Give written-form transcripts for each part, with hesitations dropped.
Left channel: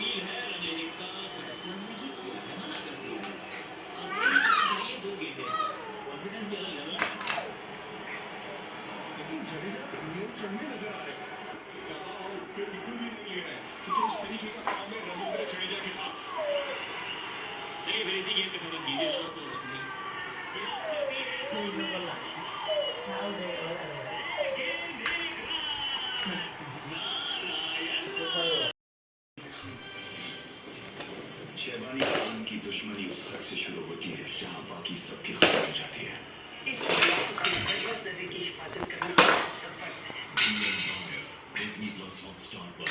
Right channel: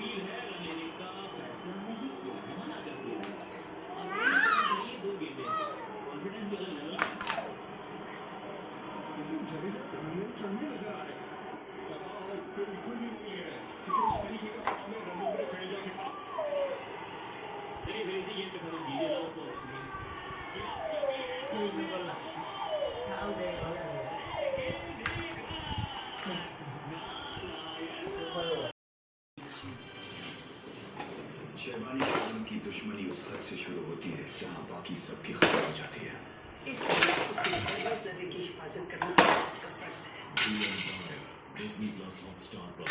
अपील है, रणजी का फैसला नहीं किया है, मना कर दिया है। अब ये दो गेंदें कॉन्फिडेंस भी अलग लेवल है। लेकिन जडेजा गेंद चढ़ने नजर आ रहे हैं। दबाव बिल्कुल भी नहीं ले रहे हैं, क्योंकि इस तरीके का फॉर्म है रवींद्र जडेजा के पास। चलिए फिर इसी गेंद पे खत्म कीजिए लास्ट बॉल में। ये आपका भी है सामने। शहबानी खान की दुश्मनी उस हद से शुरू होती है जहां बाकी सबकी खत्म हो जाती है। Disney Plus Hotstar पर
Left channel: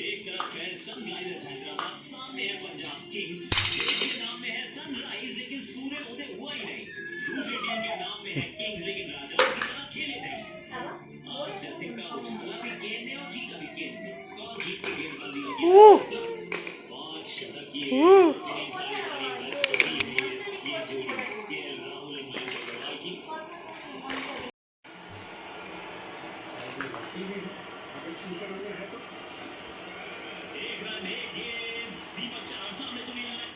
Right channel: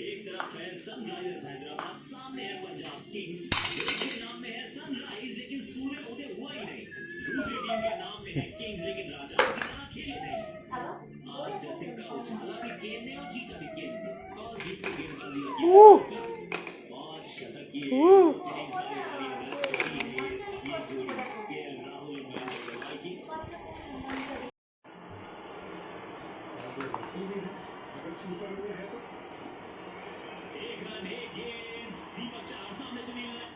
एक तरफ है सनराइजर्स हैदराबाद, सामने है पंजाब किंग्स। एक के नाम में है सनराइज लेकिन सूर्य उदय हुआ ही नहीं। दूसरी टीम के नाम में है किंग्स लेकिन राजाओं की तरह खेले नहीं। आज जसिका उछाला भी गेंद ने और जीता भी गेंद ने। टॉस जीत के गेंदबाजी का किया पांच शतक ये इतनी सारी बड़ी रन है ये जोड़ी केएल राहुल और मयंक अग्रवाल की। अगर सुपर ओवर है तो एक रन एक गेंद। दीपक चार सामने सुनील नारायण।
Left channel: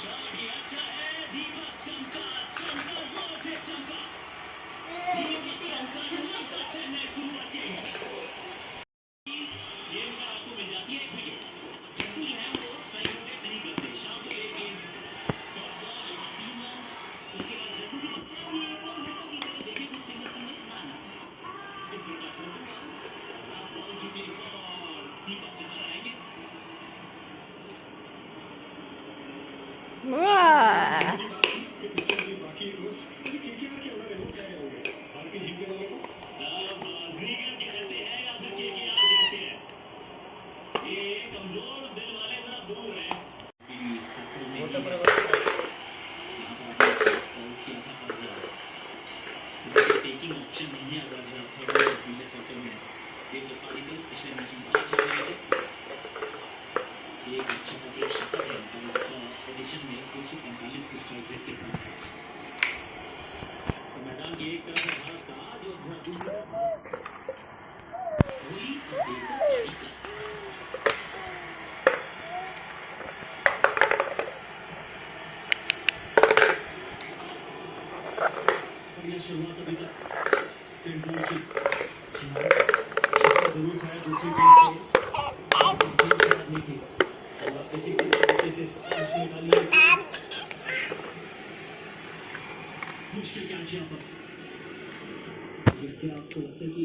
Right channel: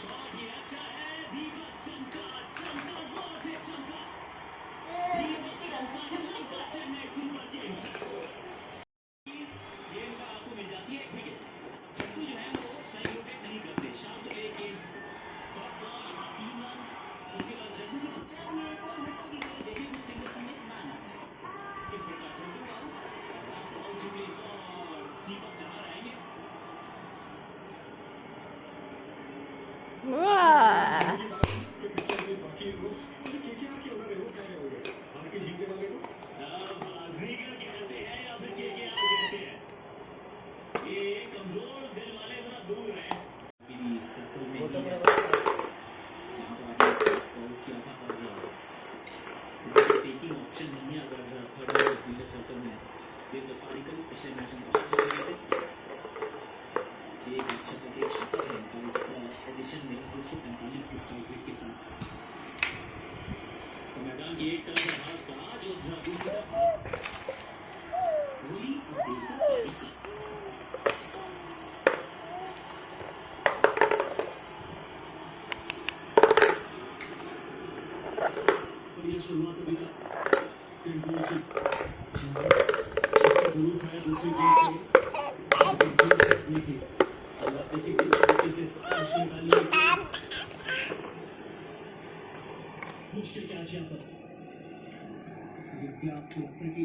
शॉट ये अच्छा है। दीपक चमका चमका जोर से चमका। दीपक चमका चेन्नई सुपर किंग्स। ये आपको मिल जाती है एक विकेट। चट्टू जो है वो स्ट्राइक रोटेट नहीं करते। शाम को एक गेंद टॉप बॉल यहाँ 3 रन। उसके बाद चट्टू की बच्चा भी एक और मिनटों की तरह देखिए कुछ सिंगल सिंगल ना इस पर का चट्टू बॉल चुके और दीपक जमा रहेंगे। वाह बाकी दोस्त मुझे केकेआर के अंदर रिमोट क्या होंगे भारतीय जीतने वाले को बाजीगर कहते हैं या फिर केकेआर कहते हैं। ये कमजोर दिल वाले जरा दूर रहे। टीवी इस सेक्टर में ही है जहां पर आपने कॉल किया था और टेकिंग ऑप्शन नहीं है अगर थर्ड और फील्डर सेक्टर में देवदत्त पाडिक्कल पिछले मैच में बहुत अच्छा खेले थे। एक अच्छा एक शतक है उनका इस एडिशन में 145 की स्ट्राइक रेट के साथ। तो मैदान की एक तरफ भारत का जो दूसरी तरफ कोहली और देवदत्त पाडिक्कल। बढ़िया शुरुआत अभी तक तेंदुलकर की छक्का जरूर खाया दूसरी टीम से देखिए किस तरीके से उसने डाली मुश्किल कैच यहाँ पर। ये क्या आपको लगता है कि